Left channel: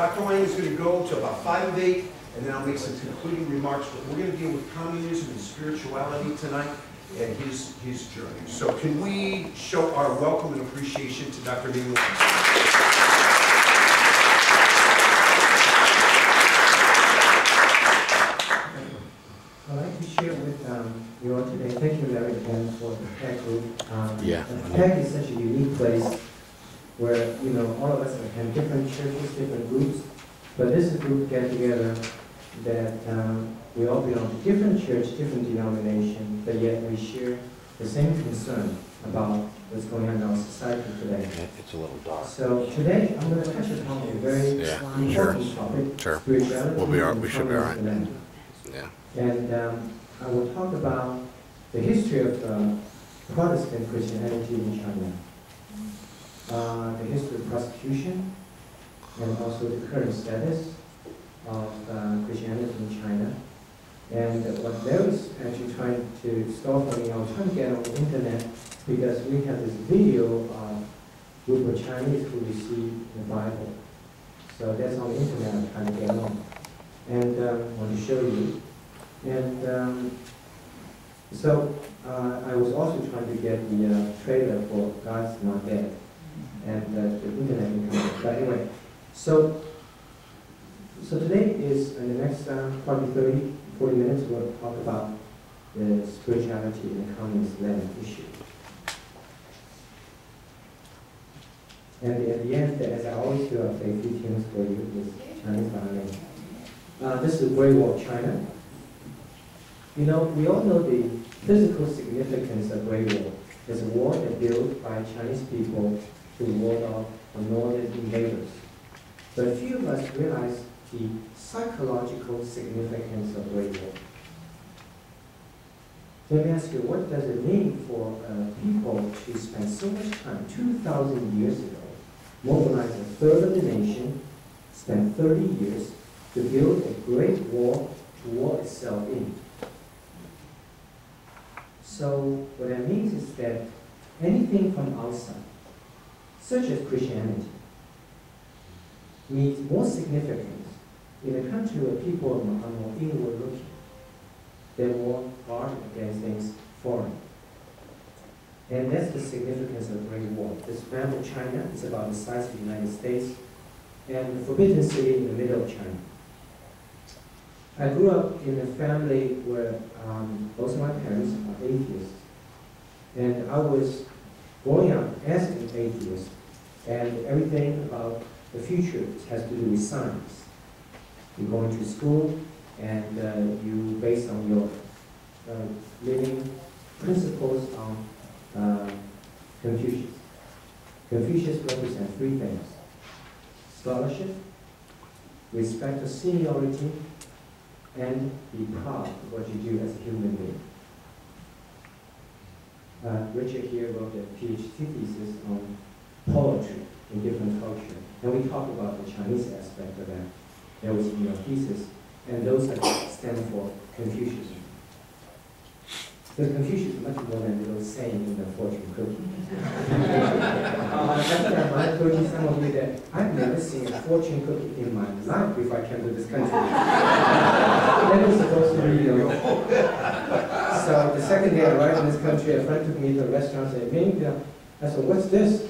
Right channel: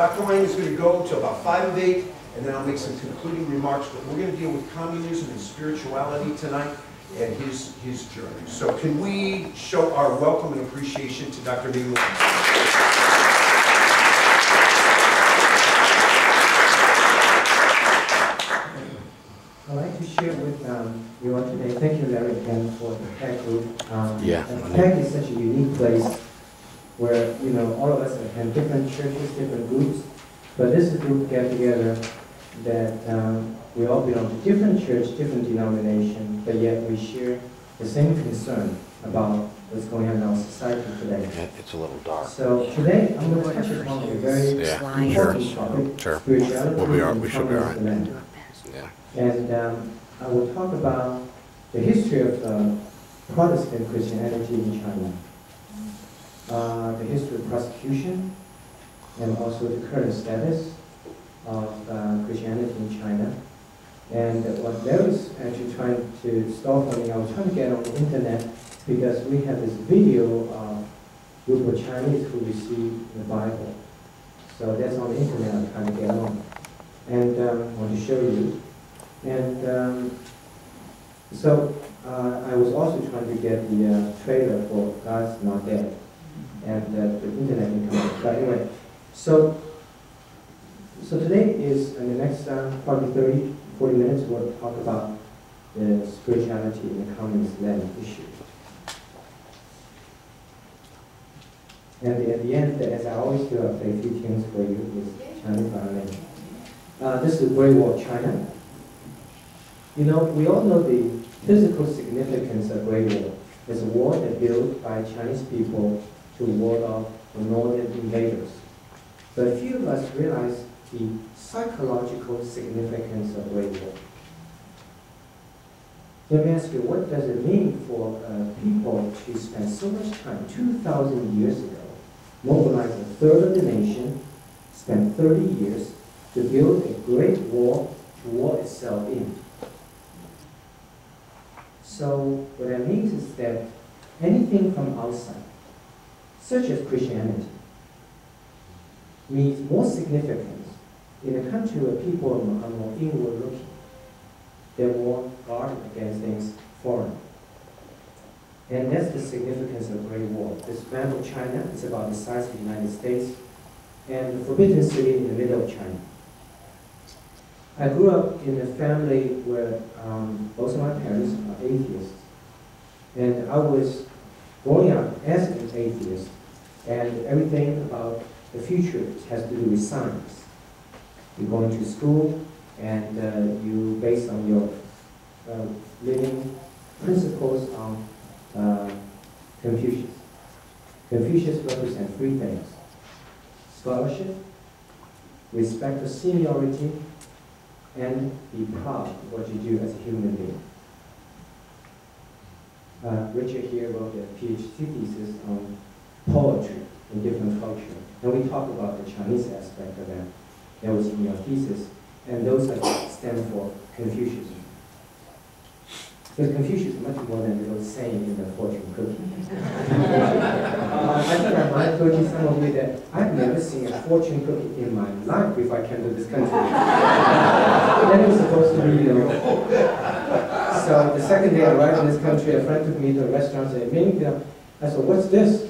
Dr. Wang is going to go to about 5 of 8, and then I'll make some concluding remarks, but we're going to deal with communism and spirituality tonight and his journey. So can we show our welcome and appreciation to Dr. Ming? I'd like to share with you all today. Thank you, Larry, again for the PAC group. PAC is such a unique place where, you know, all of us have different churches, different groups, but this is a group get together that we all belong to different church, different denomination, but yet we share the same concern about what's going on in our society today. It's a little dark. So today I'm going to touch upon a very important topic, spirituality. We should be all right. Yeah. And I will talk about the history of Protestant Christianity in China, the history of persecution, and also the current status of Christianity in China. And what Larry's actually trying to start for me, I was trying to get on the internet because we have this video of a group of Chinese who received the Bible. So that's on the internet I'm trying to get on. And I want to show you. And so I was also trying to get the trailer for God's Not Dead. And the internet didn't come out. But anyway, so today is, in the next probably 30, 40 minutes, we'll talk about the spirituality in the communist land issue. And at the end, as I always do, I'll play a few tunes for you with Chinese violin. This is the Great War of China. You know, we all know the physical significance of Great War. It's a war that built by Chinese people to ward off the northern invaders. But few of us realize the psychological significance of Great War. Let me ask you, what does it mean for people to spend so much time, 2,000 years ago, mobilize a third of the nation, spend 30 years to build a great wall to wall itself in? So what that means is that anything from outside, such as Christianity, means more significance in a country where people are more inward looking. They're more guarded against things foreign. And that's the significance of the Great War. This map of China is about the size of the United States and the Forbidden City in the middle of China. I grew up in a family where both of my parents are atheists. And I was growing up as an atheist, and everything about the future has to do with science. You go into school, and you base on your living principles on Confucius. Confucius represents three things: scholarship, respect for seniority, and be proud of what you do as a human being. Richard here wrote a PhD thesis on poetry in different culture, and we talked about the Chinese aspect of that. That was in your thesis, and those that stand for Confucianism. Because Confucius is much more than those saying in the fortune cookie. I think I might have told you, some of you, that I've never seen a fortune cookie in my life before I came to this country. That was supposed to be, So the second day I arrived in this country, a friend took me to a restaurant and said, Ming, I said, what's this?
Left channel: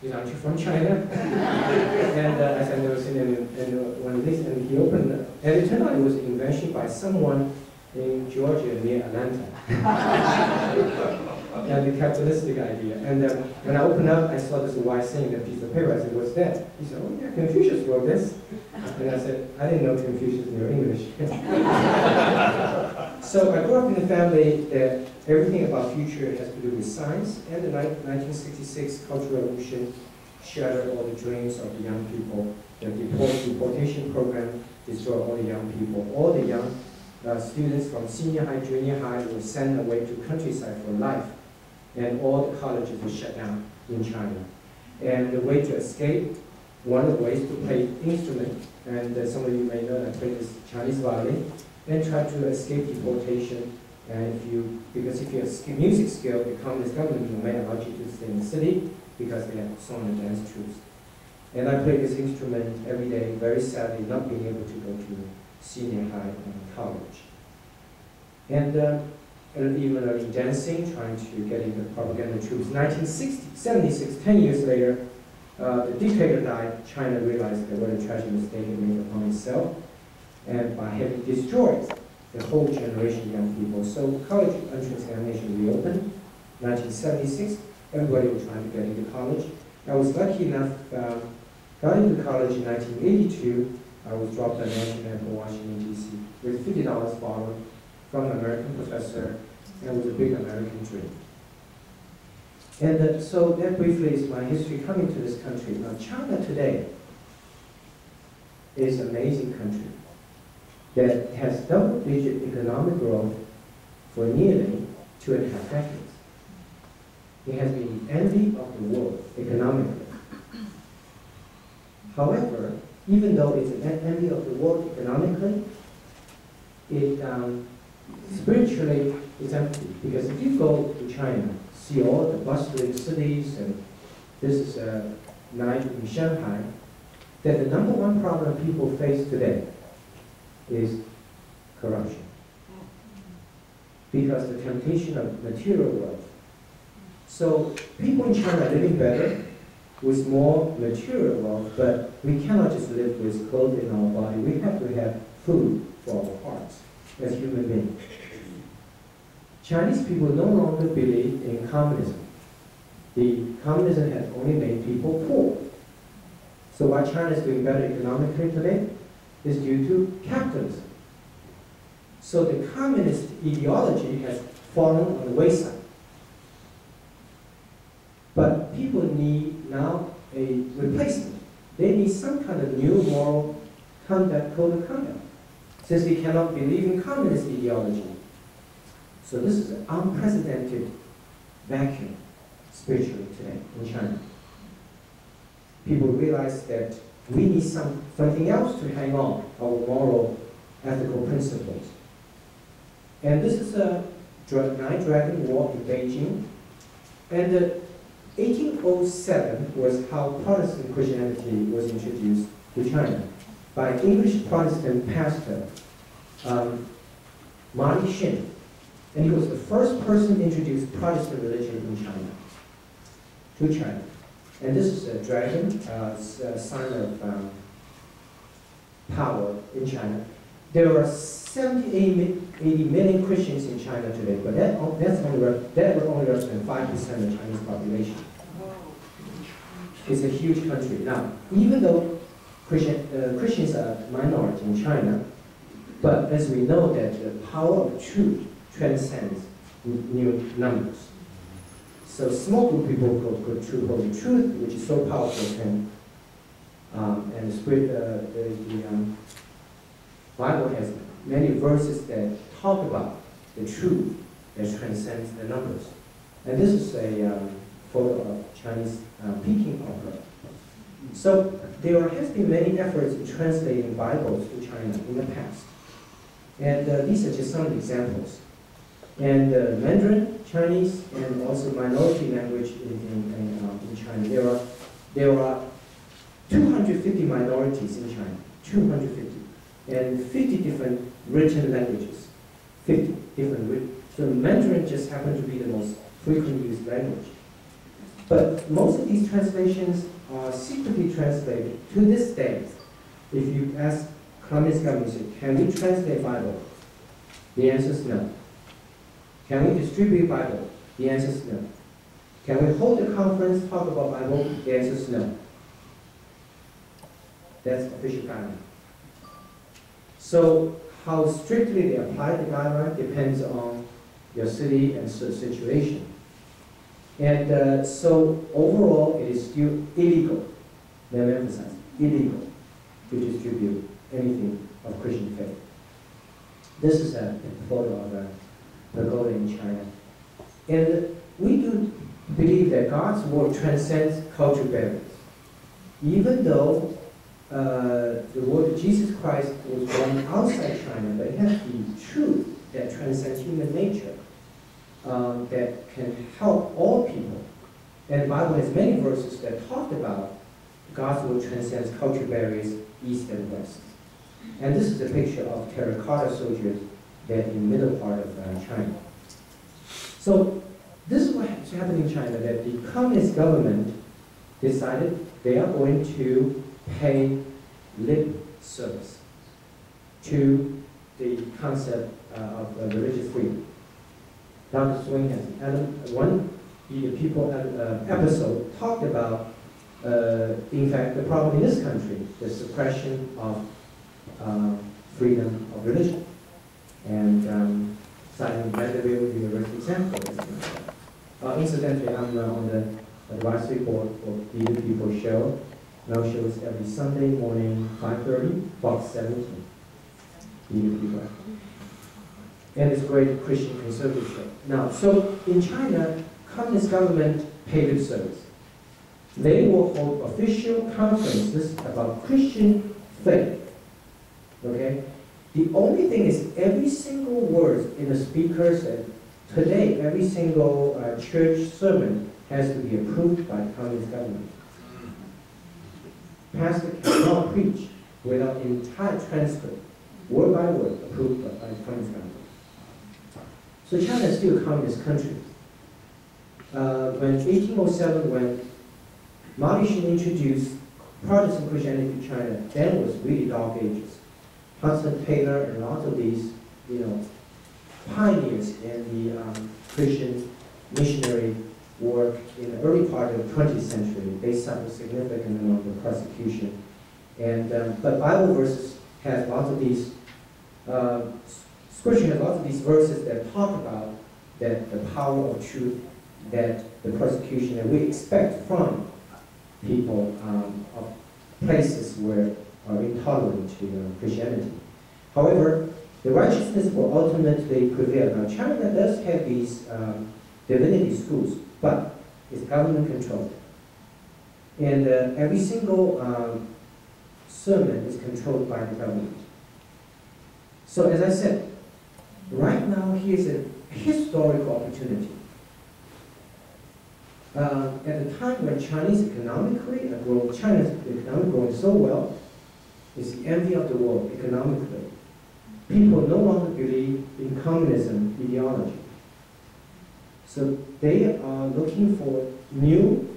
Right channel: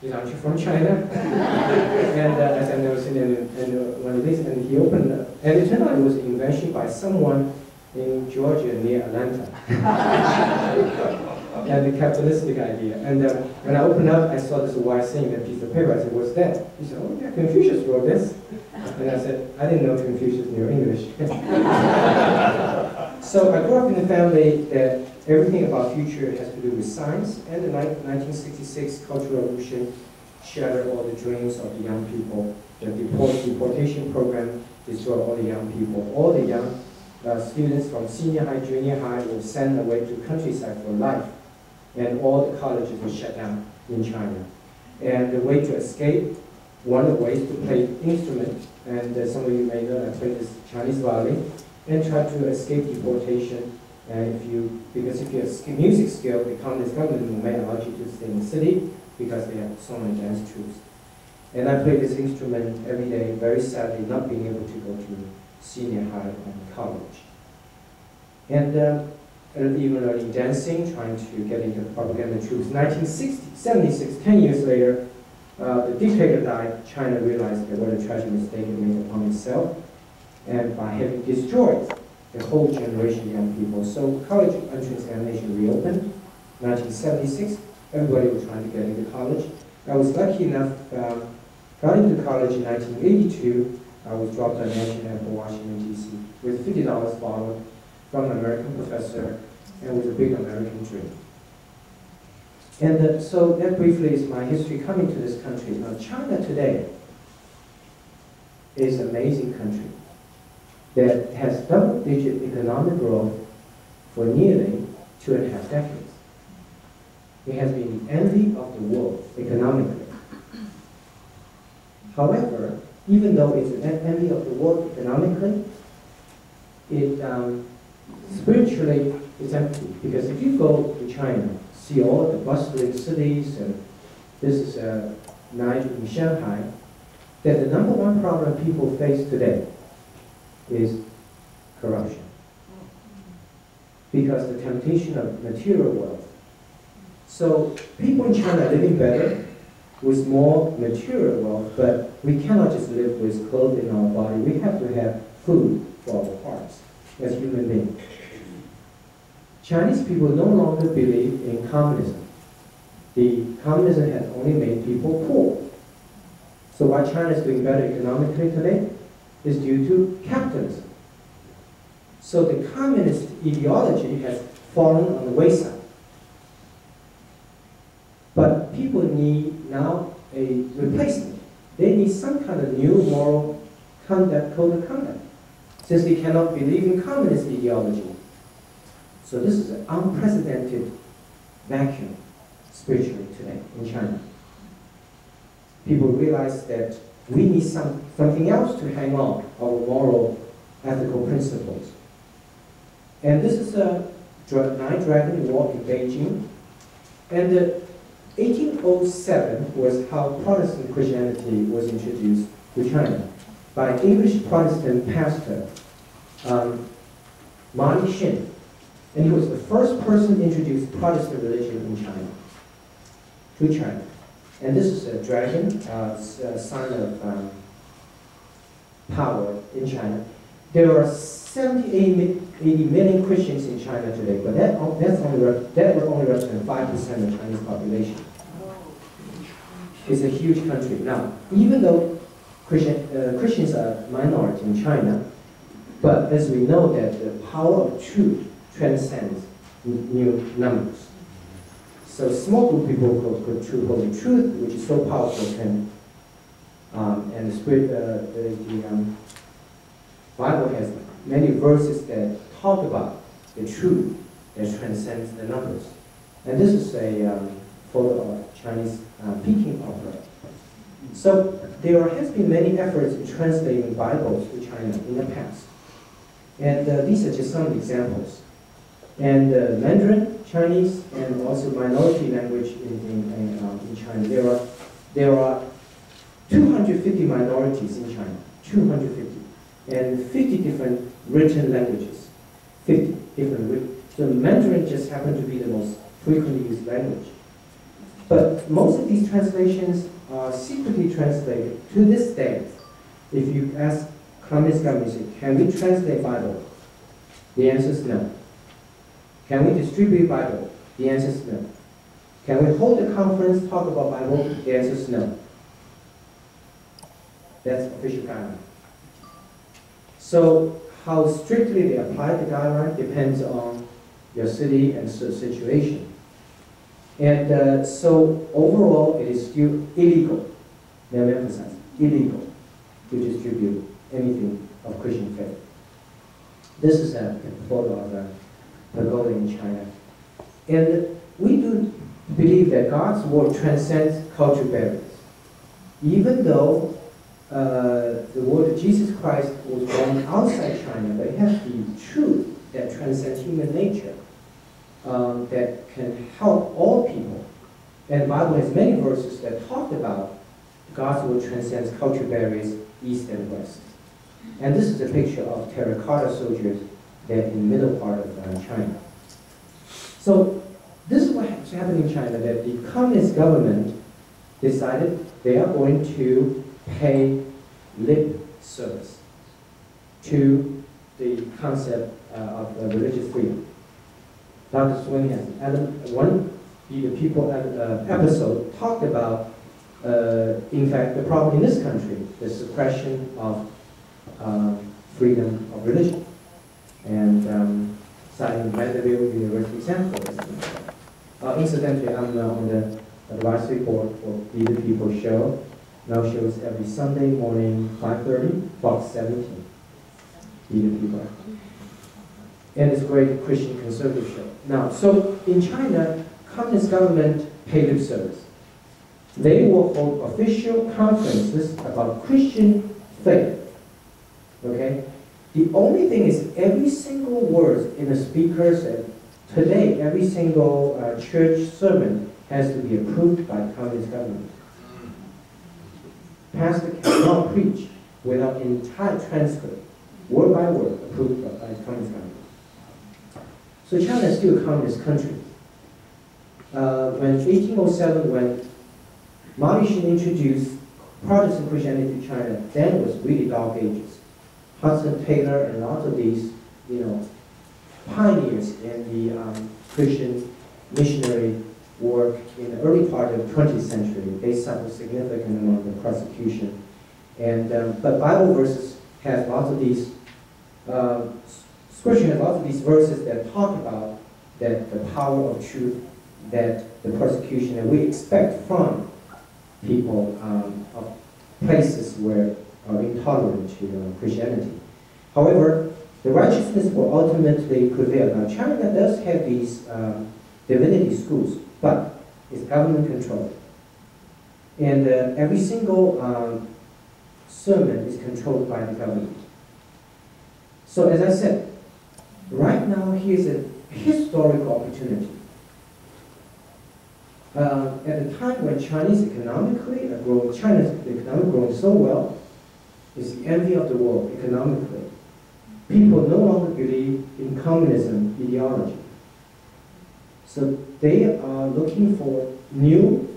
He said, aren't you from China? And I said, no, and one of these, and he opened, and it turned out it was an invention by someone in Georgia near Atlanta. And the capitalistic idea. And when I opened up, I saw this white thing in a piece of paper. I said, what's that? He said, oh yeah, Confucius wrote this. And I said, I didn't know Confucius knew English. So I grew up in a family that everything about future has to do with science, and the 1966 Cultural Revolution shattered all the dreams of the young people. The deportation program destroyed all the young people. All the young students from senior high, junior high were sent away to countryside for life, and all the colleges were shut down in China. And the way to escape, one of the ways to play instrument, and some of you may know I played this Chinese violin, and try to escape deportation. Because if you have music skill, the communist government may allow you to stay in the city because they have so many dance troops. And I play this instrument every day, very sadly not being able to go to senior high and college. And even learning dancing, trying to get into the propaganda troops. 1976, 10 years later, the dictator died. China realized that what a tragic mistake it made upon itself, and by having destroyed the whole generation of young people. So college entrance examination reopened, 1976. Everybody was trying to get into college. I was lucky enough, got into college in 1982. I was dropped at National Airport, Washington, D.C. with $50 borrowed from an American professor, and it was a big American dream. And so that briefly is my history coming to this country. Now, China today is an amazing country that has double-digit economic growth for nearly 2.5 decades. It has been the envy of the world economically. However, even though it's an envy of the world economically, it spiritually it's empty. Because if you go to China, see all the bustling cities, and this is a night in Shanghai, that the number one problem people face today is corruption. Because the temptation of material wealth. So people in China are living better with more material wealth, but we cannot just live with clothes in our body. We have to have food for our hearts as human beings. Chinese people no longer believe in communism. The communism has only made people poor. So why China is doing better economically today is due to capitalism. So the communist ideology has fallen on the wayside. But people need now a replacement. They need some kind of new moral conduct, code of conduct, since they cannot believe in communist ideology. So this is an unprecedented vacuum spiritually today in China. People realize that we need something else to hang on our moral, ethical principles. And this is a Nine Dragon War in Beijing. And 1807 was how Protestant Christianity was introduced to China by English Protestant pastor Marty Shin. And he was the first person to introduce Protestant religion in China, to China. And this is a dragon, a sign of power in China. There are 80 million Christians in China today, but that will only represent 5% of the Chinese population. It's a huge country. Now, even though Christians are minority in China, but as we know that the power of truth transcends new numbers. So small group people could hold the truth, which is so powerful, and the spirit, the Bible has many verses that talk about the truth that transcends the numbers. And this is a photo of Chinese Peking opera. So there has been many efforts in translating Bibles to China in the past. And these are just some examples. And Mandarin, Chinese, and also minority language in China. There are 250 minorities in China, 250. And 50 different written languages, 50 different. So Mandarin just happened to be the most frequently used language. But most of these translations are secretly translated to this day. If you ask Communist government, can we translate Bible? The answer is no. Can we distribute Bible? The answer is no. Can we hold a conference, talk about Bible? The answer is no. That's official guideline. So how strictly they apply the guideline depends on your city and situation. And so overall, it is still illegal, let me emphasize, illegal to distribute anything of Christian faith. This is a photo of a pagoda in China. And we do believe that God's word transcends cultural barriers. Even though the word of Jesus Christ was born outside China, but it has the truth that transcends human nature, that can help all people. And the Bible has many verses that talk about gospel transcends cultural barriers, east and west. And this is a picture of terracotta soldiers that in the middle part of China. So this is what's happening in China, that the communist government decided they are going to pay lip service to the concept of religious freedom. Dr. Swing has one the people episode talked about, in fact, the problem in this country, the suppression of freedom of religion, and citing Vanderbilt University example. Incidentally, I'm on the advisory board for Be the People show. Now shows every Sunday morning, 5:30, Fox 17. Be the People. And it's a great Christian conservative show. Now, so in China, communist government pay lip service. They will hold official conferences about Christian faith. Okay? The only thing is every single word in the speaker said, today every single church sermon has to be approved by the communist government. Pastor cannot preach without entire transcript, word by word, approved by the communist government. So China is still a communist country. When 1807, when Mao Zedong introduced Protestant Christianity to China, then was really dark ages. Hudson Taylor and lots of these, pioneers in the Christian missionary work in the early part of the 20th century, they suffered significant amount of persecution. And but Bible verses has lots of these. Scripture has lots of these verses that talk about that the power of truth, that the persecution that we expect from people of places where are intolerant to Christianity. However, the righteousness will ultimately prevail. Now, China does have these divinity schools, but it's government controlled. And every single sermon is controlled by the government. So as I said, right now here's a historical opportunity. At the time when China's economic growing so well, it's the envy of the world economically. People no longer believe in communism ideology. So they are looking for new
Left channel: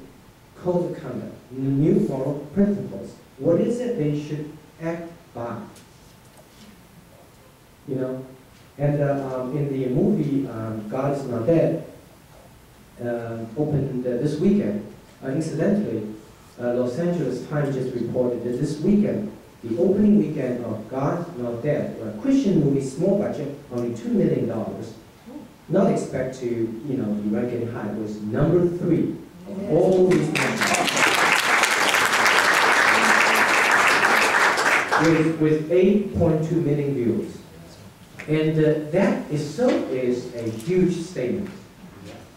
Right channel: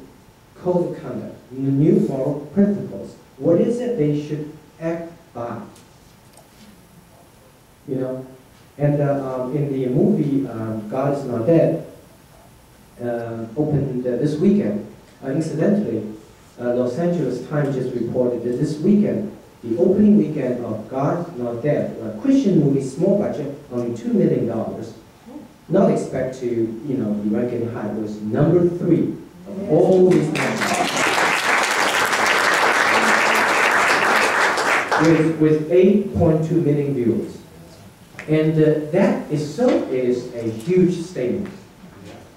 code of conduct, new moral principles. What is it they should act by? And in the movie God Is Not Dead, opened this weekend. Incidentally, Los Angeles Times just reported that this weekend, the opening weekend of God Is Not Dead, a Christian movie, small budget, only $2 million, not expect to, be ranking high, was number 3 of all movies with 8.2 million viewers. And that is a huge statement.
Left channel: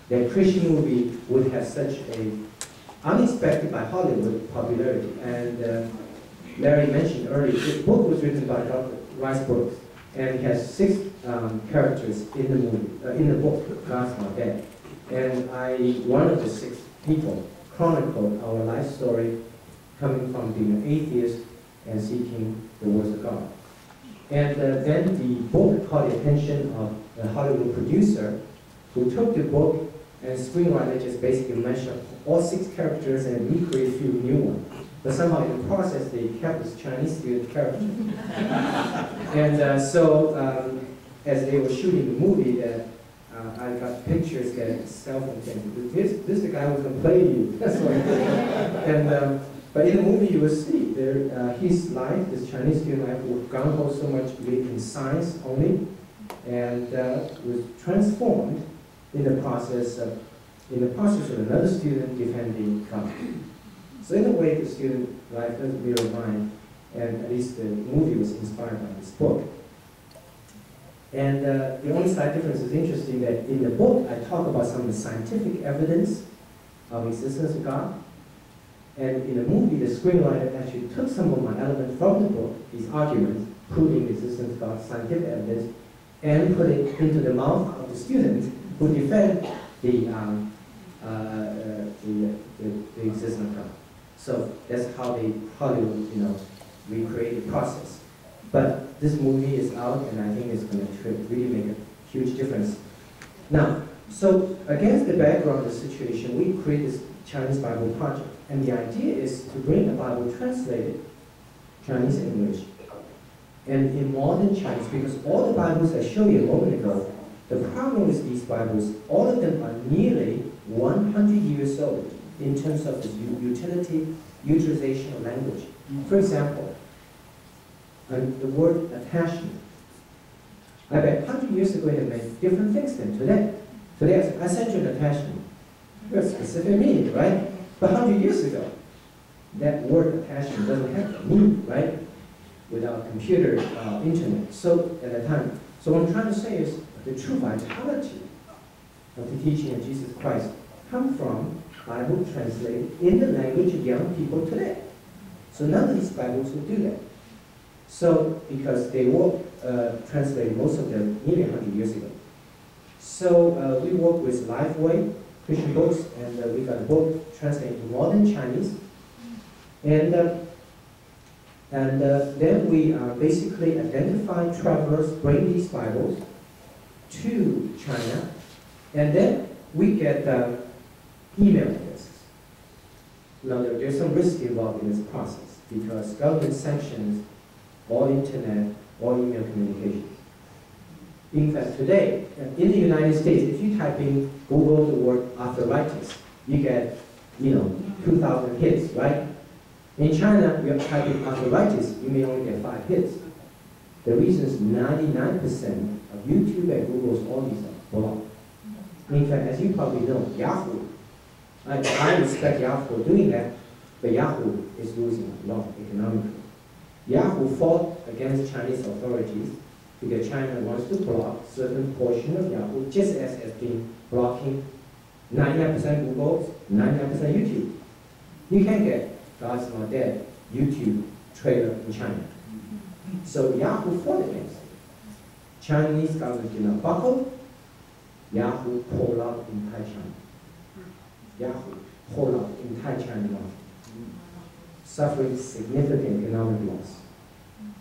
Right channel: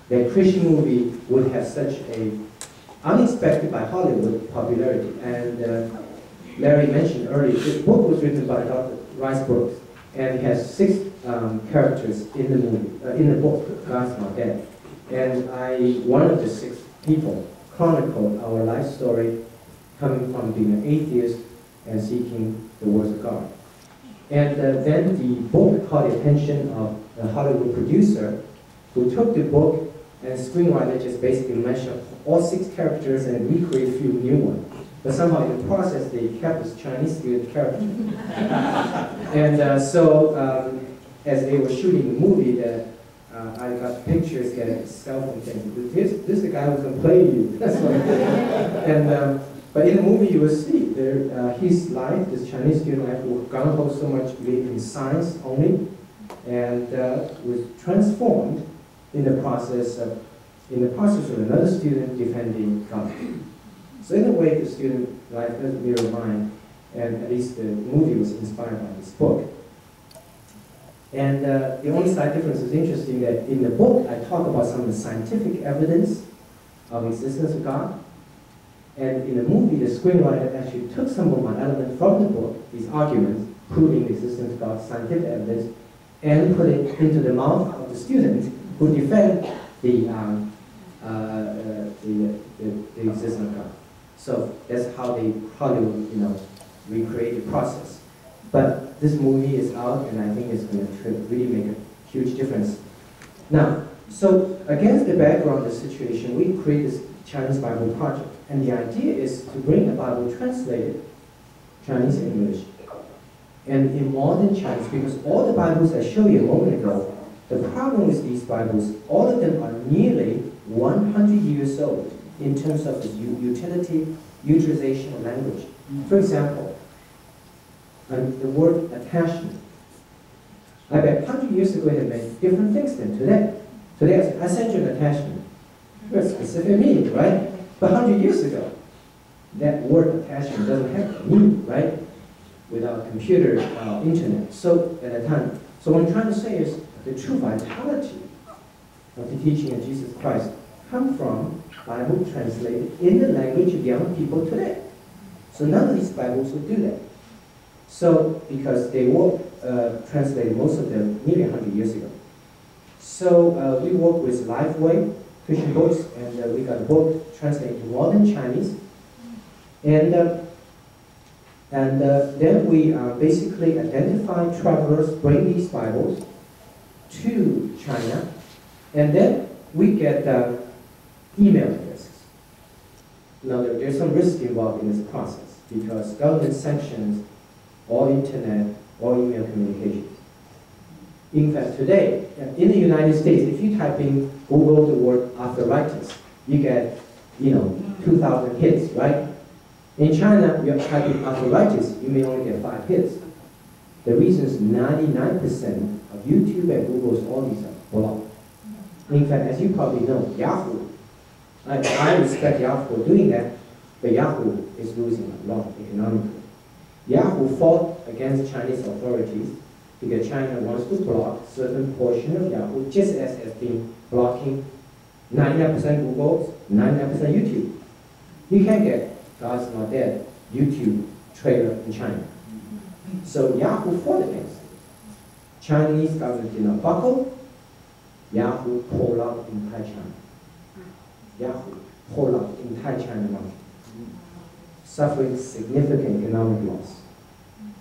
That Christian movie would have such a unexpected by Hollywood popularity. And Larry mentioned earlier, this book was written by Dr. Rice Brooks, and it has 6 characters in the movie, in the book, God's Not Dead. And one of the 6 people, chronicled our life story coming from being an atheist and seeking the words of God. And then the book caught the attention of a Hollywood producer who took the book and screenwriter just basically mashed up all 6 characters and recreated a few new ones. But somehow in the process they kept this Chinese student character. And so as they were shooting the movie, I got pictures, getting cell phone things. This is the guy who can play you. That's what and but in the movie you will see there his life, this Chinese student life, was gung-ho so much belief in science only, and was transformed in the process of another student defending God. So in a way, the student life does mirror mine, and at least the movie was inspired by this book. And the only slight difference is interesting that in the book, I talk about some of the scientific evidence of existence of God. And in the movie, the screenwriter actually took some of my elements from the book, these arguments proving the existence of God, scientific evidence, and put it into the mouth of the students who defend the existence of God. So that's how they Hollywood, recreate the process. But this movie is out, and I think it's going to really make a huge difference. Now, so against the background of the situation, we create this Chinese Bible project, and the idea is to bring the Bible translated Chinese English and in modern Chinese, because all the Bibles I showed you a moment ago, the problem with these Bibles, all of them are nearly 100 years old in terms of the utilization of language. For example, the word attachment. I bet 100 years ago it meant different things than today. Today I sent you an attachment. Very specific meaning, right? But 100 years ago, that word attachment doesn't have a meaning, right? Without computer, internet. So at that time, so what I'm trying to say is the true vitality of the teaching of Jesus Christ come from Bible translated in the language of young people today. So none of these Bibles would do that. So because they were translated, most of them nearly 100 years ago. So we work with Lifeway Christian Books, and we got a book translated to modern Chinese. And then we basically identify travelers, bring these Bibles to China, and then we get email addresses. Now there's some risk involved in this process because government sanctions all internet, all email communications. In fact, today, in the United States, if you type in Google the word arthritis, you get, 2,000 hits, right? In China, you type in arthritis, you may only get 5 hits. The reason is 99% of YouTube and Google's all these are blocked. In fact, as you probably know, Yahoo, I respect Yahoo for doing that, but Yahoo is losing a lot economically. Yahoo fought against Chinese authorities because China wants to block certain portion of Yahoo, just as has been blocking 99% Google, 99% YouTube. You can't get God's Not Dead YouTube trailer in China. So Yahoo fought against it. Chinese government did not buckle. Yahoo pulled out entire China. Yahoo pulled out entire China market, suffering significant economic loss.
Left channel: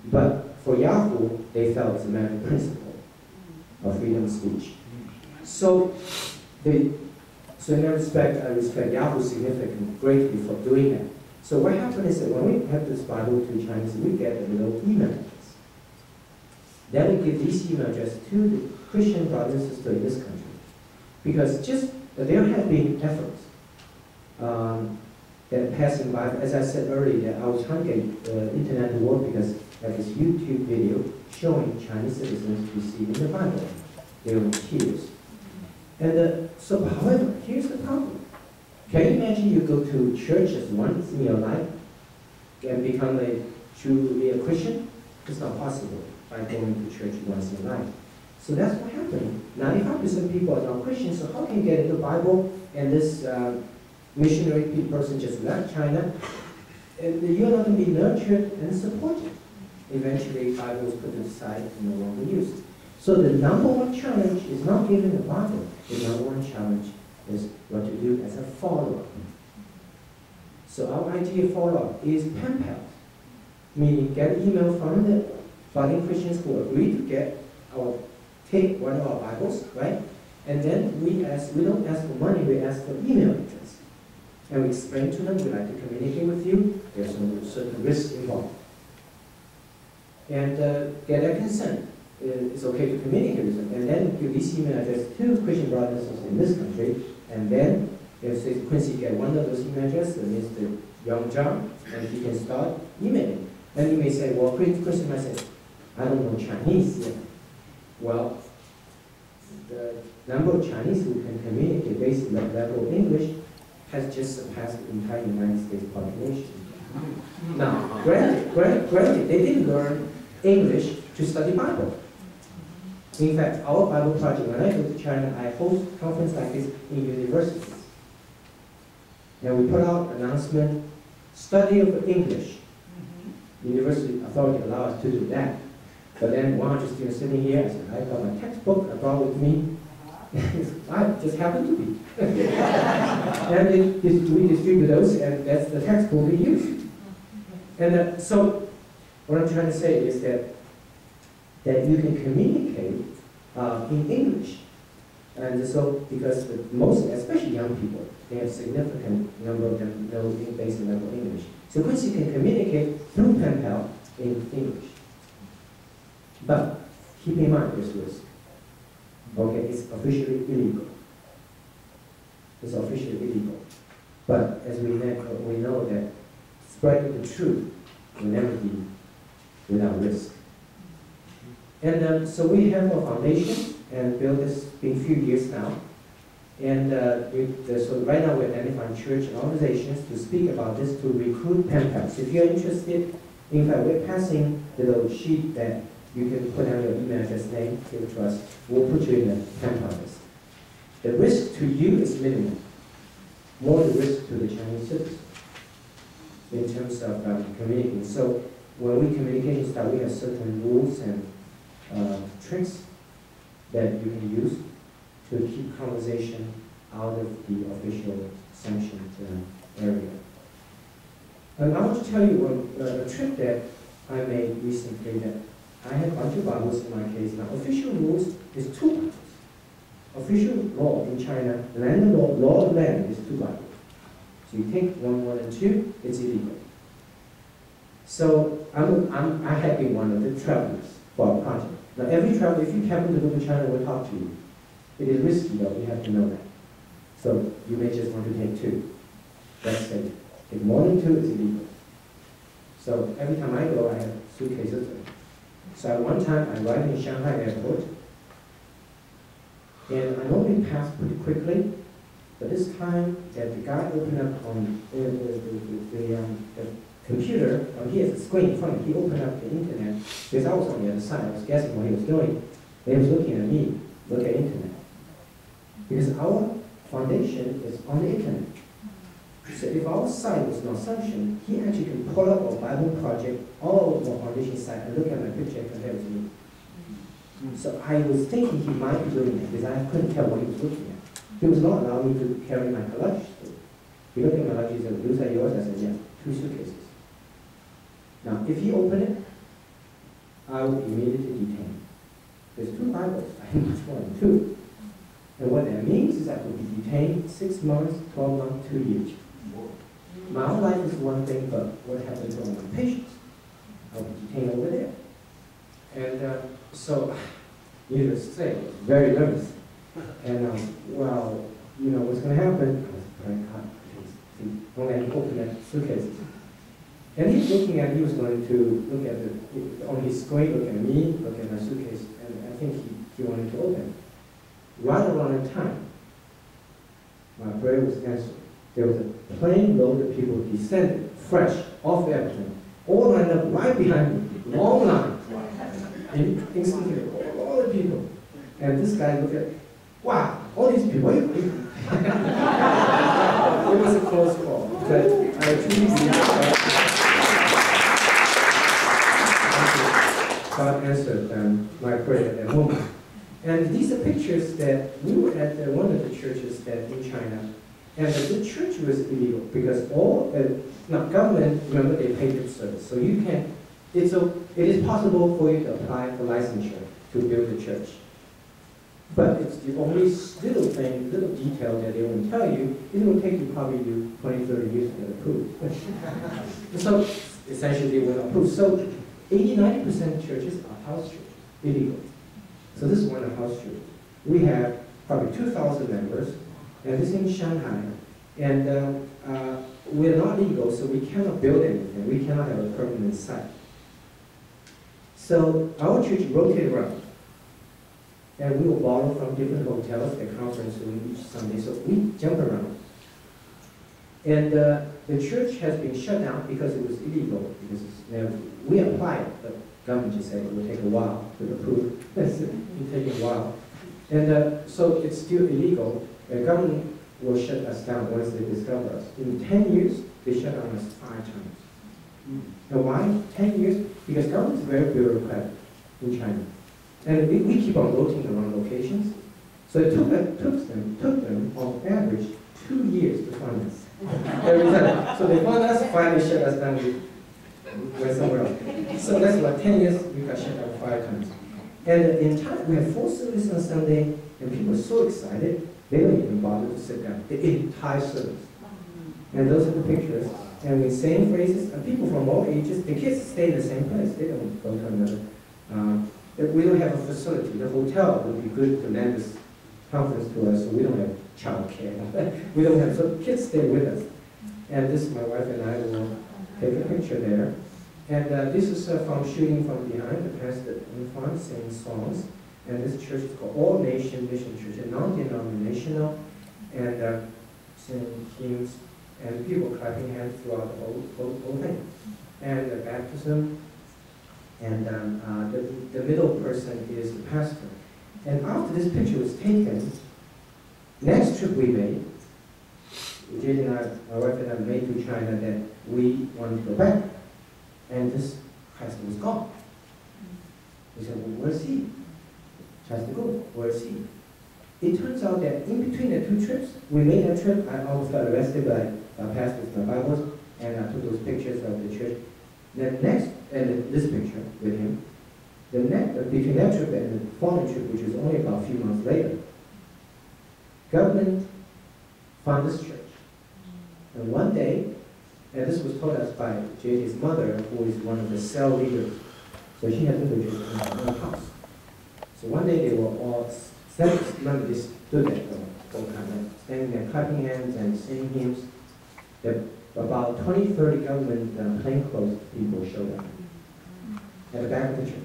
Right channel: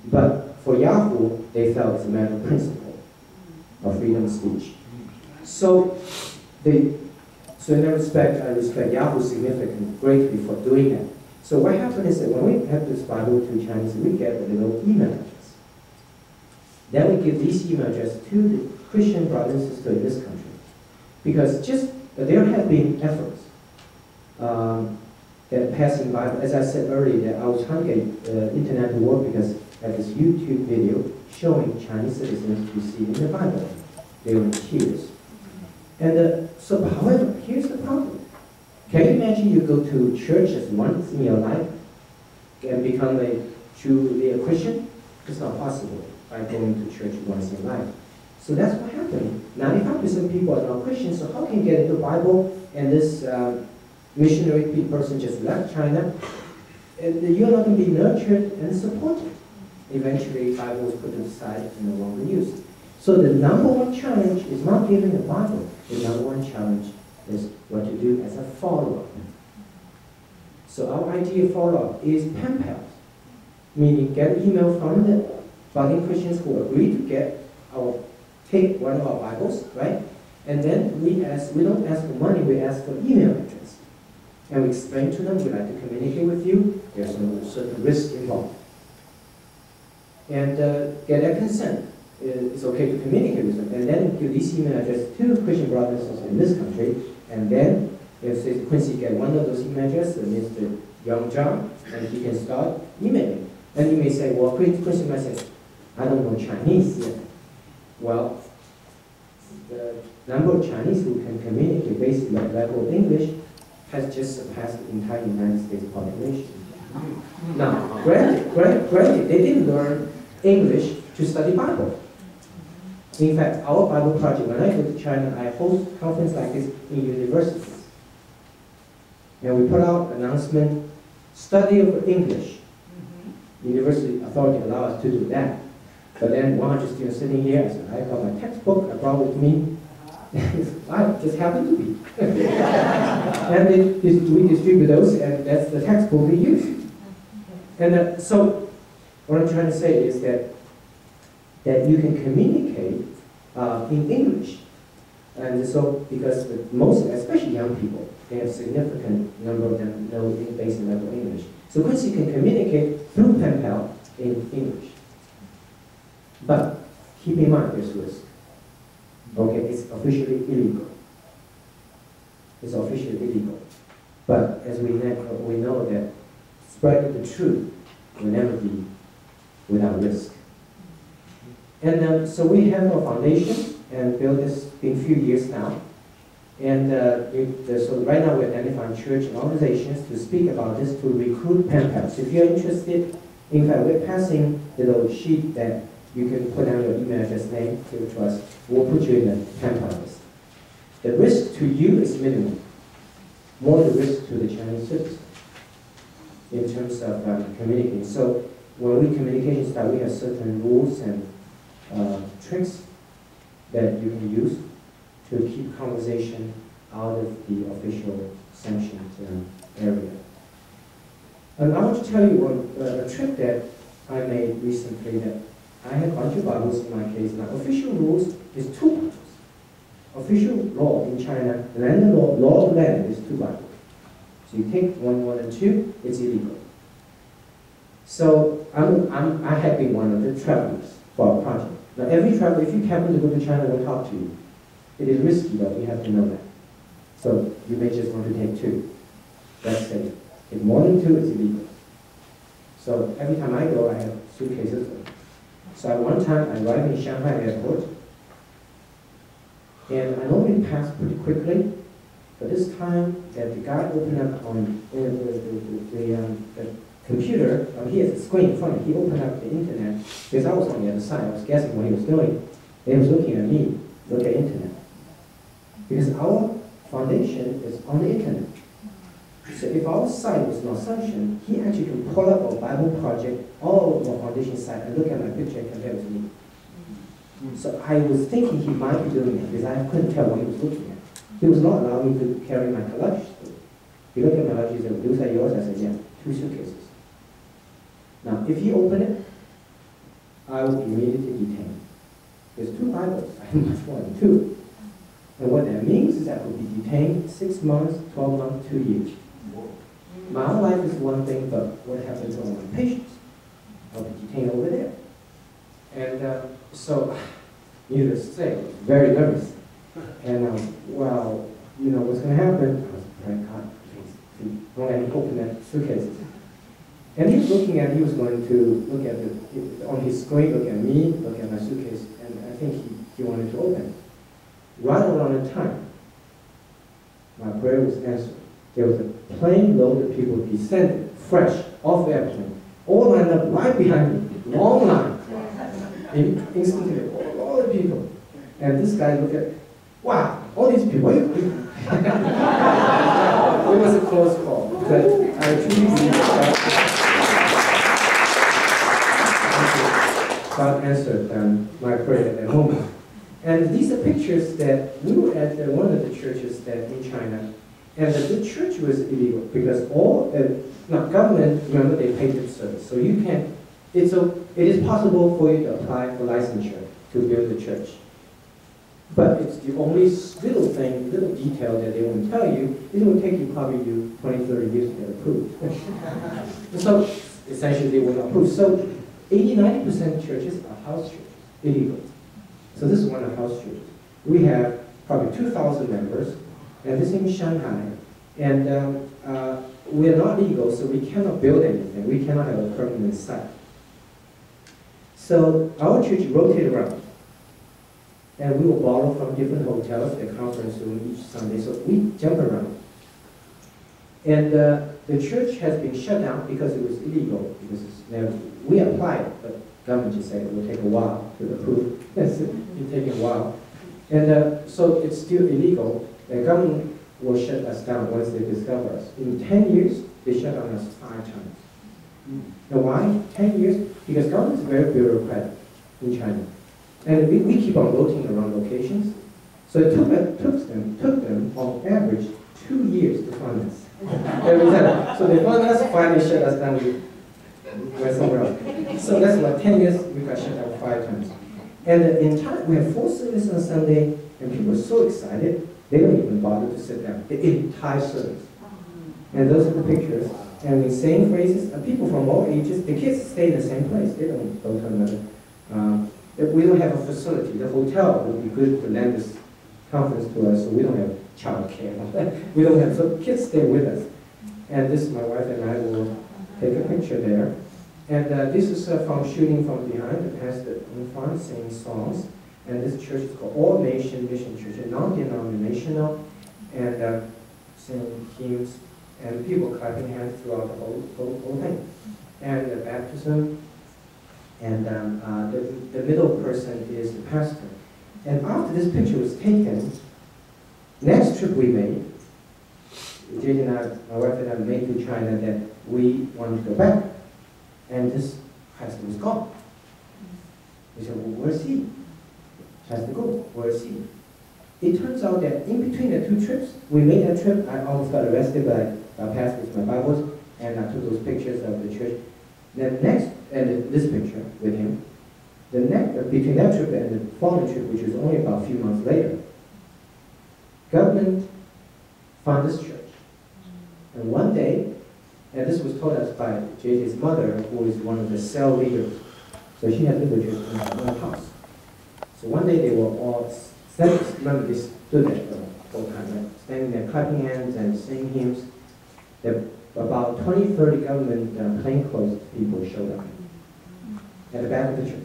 But for Yahoo, they felt it's a matter of principle of freedom of speech. So in that respect, I respect Yahoo significantly, greatly for doing that. So what happened is that when we have this Bible to Chinese, we get a little email address. Then we give these email address to the Christian brothers and sisters in this country. Because there have been efforts that passing by, as I said earlier, that I was trying to get internet to work because I have this YouTube video showing Chinese citizens receiving the Bible. They were in tears. And so, however, here's the problem. Can you imagine you go to churches once in your life and become truly a Christian? It's not possible by going to church once in life. So that's what happened. 95% of people are not Christians, so how can you get into the Bible and this missionary person just left China, and you're not going to be nurtured and supported. Eventually, Bible was put to the side and no longer used. So the number one challenge is not giving the Bible. The number one challenge is what to do as a follow-up. So our idea of follow-up is pen pals, meaning get an email from the budding Christians who agree to take one of our Bibles, right? And then we don't ask for money, we ask for email address. And we explain to them, we'd like to communicate with you, there's some certain risk involved. And get their consent. It's okay to communicate with them. And then give this email address to Christian brothers in this country. And then, if Quincy get one of those email addresses, Mr. Young John, and he can start emailing. And you may say, well, Quincy might say, I don't know Chinese yet. Well, the number of Chinese who can communicate based on that level of English has just surpassed the entire United States population. Now, granted, they didn't learn English to study Bible. In fact, our Bible project, when I go to China, I host conference like this in universities. And we put out an announcement, study of English. University authority allow us to do that. But then 100 students sitting here, I said, I got my textbook I brought with me. I just happen to be. And we distribute those, and that's the textbook we use. And so, what I'm trying to say is that you can communicate in English. And so, because most, especially young people, they have significant number of them know basic level English. So Quincy can communicate through pen pal in English. But keep in mind there's risk. Okay, it's officially illegal. It's officially illegal. But as we know that spreading the truth will never be without risk. And so we have a foundation and built this been a few years now. And so right now we're identifying church and organizations to speak about this to recruit pen pals. If you're interested, in fact, we're passing the little sheet that you can put down your email address, name, give it to us. We'll put you in the pen pal list. The risk to you is minimal. More the risk to the Chinese citizens in terms of communicating. So when we communication start, we have certain rules and tricks that you can use to keep conversation out of the official sanctioned area. And I want to tell you a trick that I made recently that I had a bunch of Bibles in my case. Now, official rules is 2 Bibles. Official law in China, land law of land is 2 Bibles. So you take one more than 2, it's illegal. So I have been one of the travelers for our project. Now, every traveler, if you happen to go to China, will talk to you. It is risky, though. You have to know that. So you may just want to take 2. That's safe. If more than 2, it's illegal. So every time I go, I have suitcases. So at one time, I arrived in Shanghai airport, and I normally pass pretty quickly. But this time, that the guy opened up on the computer, he has a screen in front of him. He opened up the internet, because I was on the other side. I was guessing what he was doing. He was looking at me, look at internet. Because our foundation is on the internet. So if our site was not sanctioned, he actually can pull up our Bible project, all of our foundation site, and look at my picture and compare it to me. So I was thinking he might be doing it, because I couldn't tell what he was looking at. He was not allowing me to carry my luggage through. He looked at my luggage and said, "Those are yours?" I said, "Yeah, 2 suitcases." Now, if he opened it, I would be immediately detained. There's 2 Bibles. I have much more than 2. And what that means is I could be detained 6 months, 12 months, 2 years. My own life is one thing, but what happened to all my patients? I'll be detained over there. And so, needless to say, I was very nervous. And well, you know what's going to happen? I was praying, God, please, don't let me open that suitcase. And he was going to look at on his screen, look at me, look at my suitcase, and I think he wanted to open it. Right around that time, my prayer was answered. There was a plane load of people descended, fresh, off the airplane, all lined up right behind me, long line. Instantly, all the people. And this guy looked at, wow, all these people. It was a close call, but I truly believe God answered my prayer at that moment. And these are pictures that we were at one of the churches that in China, and the church was illegal because all government, remember, they pay lip service, so you can. It is possible for you to apply for licensure to build a church, but it's the only little detail that they won't tell you. It will take you probably 20, 30 years to get approved. So essentially, they will not approve. So 80–90% of churches are house churches, illegal. So this is one of the house churches. We have probably 2,000 members, and this is in Shanghai. And we're not legal, so we cannot build anything. We cannot have a permanent site. So our church rotated around. And we will borrow from different hotels, the conference room each Sunday. So we jump around. And the church has been shut down because it was illegal. Because we applied, but government just said it will take a while to approve. It's taking a while. And so it's still illegal. The government will shut us down once they discover us. In 10 years, they shut down us 5 times. And why 10 years? Because government is very bureaucratic in China. And we keep on rotating around locations. So it took them on average 2 years to find us. Every time. So they found us, finally shut us down, we went somewhere else. So that's about 10 years, we got shut down 5 times. And in time, we have 4 services on Sunday, and people are so excited, they don't even bother to sit down, the entire service. And those are the pictures. And we sing phrases, and people from all ages, the kids stay in the same place, they don't go to another. We don't have a facility. The hotel would be good to lend this conference to us, so we don't have child care. We don't have, so kids stay with us. And this, my wife and I will take a picture there. And this is from shooting from behind, the pastor in front singing songs. And this church is called All Nation Mission Church, a non-denominational, and singing hymns, and people clapping hands throughout the whole thing. And the baptism, and the middle person is the pastor. And after this picture was taken, next trip we made, Jade and I, my wife and I made to China that we wanted to go back. And this pastor was gone. We said, well, where's he? Has to go. Where's he? It turns out that in between the 2 trips, we made that trip, I almost got arrested by our pastors, my Bibles, and I took those pictures of the church. Then next, and this picture with him, the next, between that trip and the following trip, which was only about a few months later, government found this church. And one day, and this was told us by JJ's mother, who is one of the cell leaders. So she had little church in her own house. So one day they were all, remember they stood there the whole time, standing there clapping hands and singing hymns. About 20, 30 government plainclothes people showed up at the back of the church.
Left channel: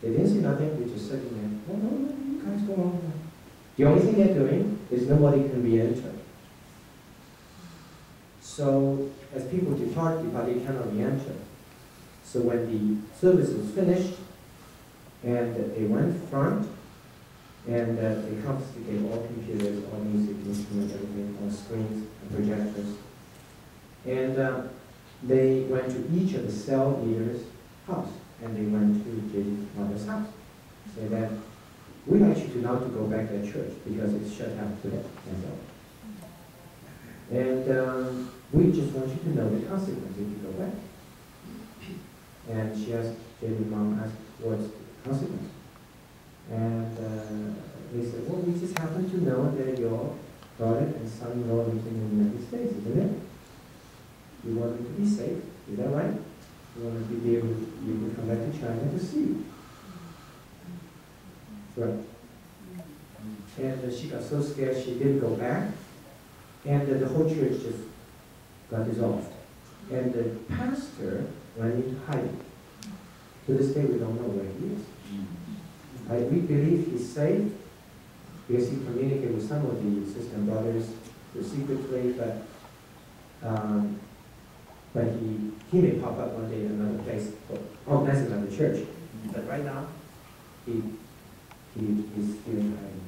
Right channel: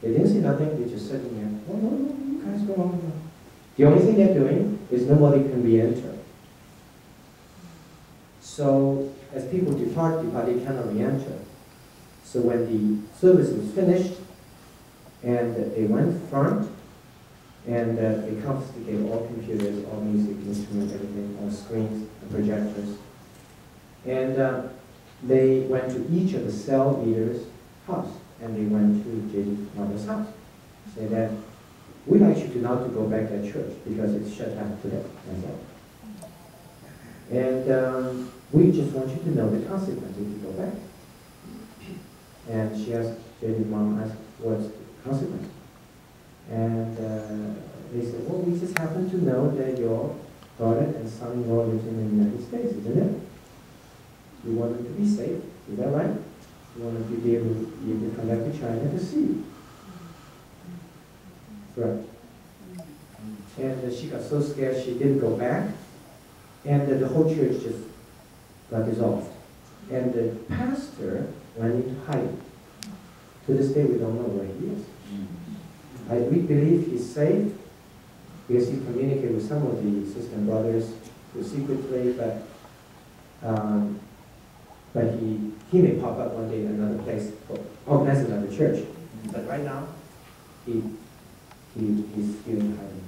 They didn't see nothing, they just sitting there. Oh, no, you guys go on. The only thing they're doing is nobody can re-enter. So as people depart, they cannot re-enter. So when the service was finished, and they went front, and they confiscated all computers, all music instruments, everything, all screens and projectors. And they went to each of the cell leaders' house, and they went to J.J. mother's house. Say that, we'd like you to not to go back to that church because it's shut down today. And we just want you to know the consequences if you go back. And she asked, J.J.'s mom asked, what's the consequence? And they said, well, we just happen to know that your daughter and son-in-law lives in the United States, isn't it? You want them to be safe, is that right? You want them to be able to come back to China to see you. Right. And she got so scared she didn't go back, and the whole church just got dissolved. And the pastor went into hiding. To this day, we don't know where he is. We believe he's safe because he communicated with some of the sister brothers secretly, but he may pop up one day in another place, organize another church. But right now, he's still in hiding.